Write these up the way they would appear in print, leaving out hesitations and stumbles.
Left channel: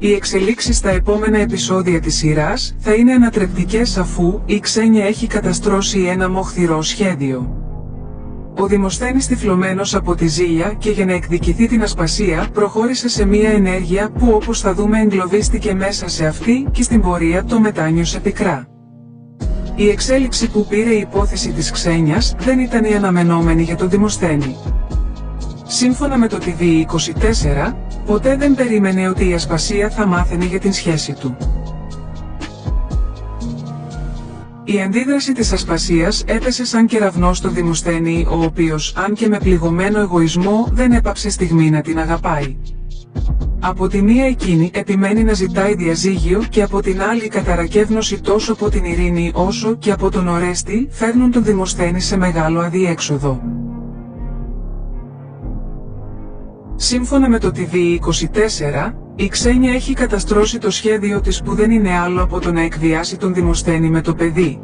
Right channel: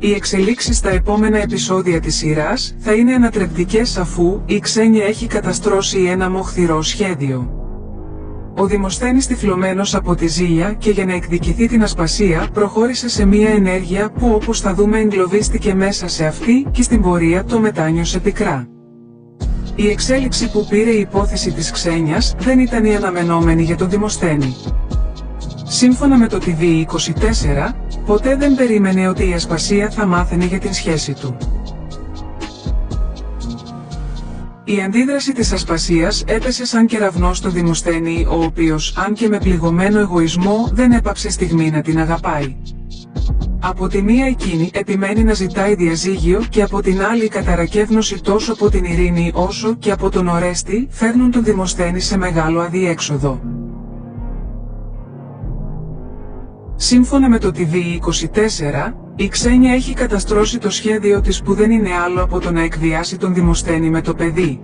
Οι εξελίξεις στα επόμενα επεισόδια της σειράς θα είναι ανατρεπτικές αφού η Ξένια έχει καταστρώσει ένα μοχθηρό σχέδιο. Ο Δημοσθένης τυφλωμένος από τη ζήλια και για να εκδικηθεί την ασπασία προχώρησε σε μια ενέργεια που όπως θα δούμε εγκλωβίστηκε μέσα σε αυτή και στην πορεία το μετάνιωσε πικρά. Η εξέλιξη που πήρε η υπόθεση της Ξένιας δεν ήταν η αναμενόμενη για τον Δημοσθένη. Σύμφωνα με το TV24, ποτέ δεν περίμενε ότι η ασπασία θα μάθαινε για την σχέση του. Η αντίδραση της ασπασίας έπεσε σαν κεραυνός στο Δημοσθένη, ο οποίος, αν και με πληγωμένο εγωισμό, δεν έπαψε στιγμή να την αγαπάει. Από τη μία εκείνη επιμένει να ζητάει διαζύγιο και από την άλλη η καταρακεύνωση τόσο από την Ειρήνη όσο και από τον Ορέστη φέρνουν τον Δημοσθένη σε μεγάλο αδιέξοδο. Σύμφωνα με το TV24, η Ξένια έχει καταστρώσει το σχέδιο της που δεν είναι άλλο από το να εκβιάσει τον Δημοσθένη με το παιδί.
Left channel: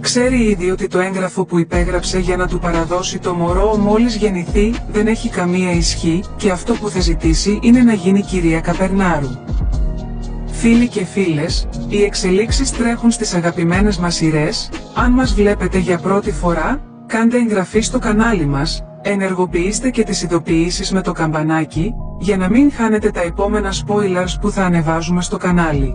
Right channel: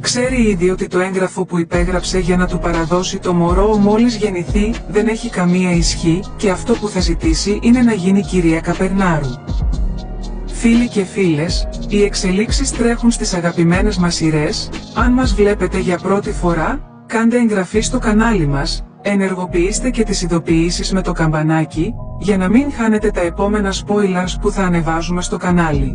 Ξέρει ήδη ότι το έγγραφο που υπέγραψε για να του παραδώσει το μωρό μόλις γεννηθεί δεν έχει καμία ισχύ και αυτό που θα ζητήσει είναι να γίνει κυρία Καπερνάρου. Φίλοι και φίλες, οι εξελίξεις τρέχουν στις αγαπημένες μας σειρές. Αν μας βλέπετε για πρώτη φορά, κάντε εγγραφή στο κανάλι μας, ενεργοποιήστε και τις ειδοποιήσεις με το καμπανάκι, για να μην χάνετε τα επόμενα spoilers που θα ανεβάζουμε στο κανάλι.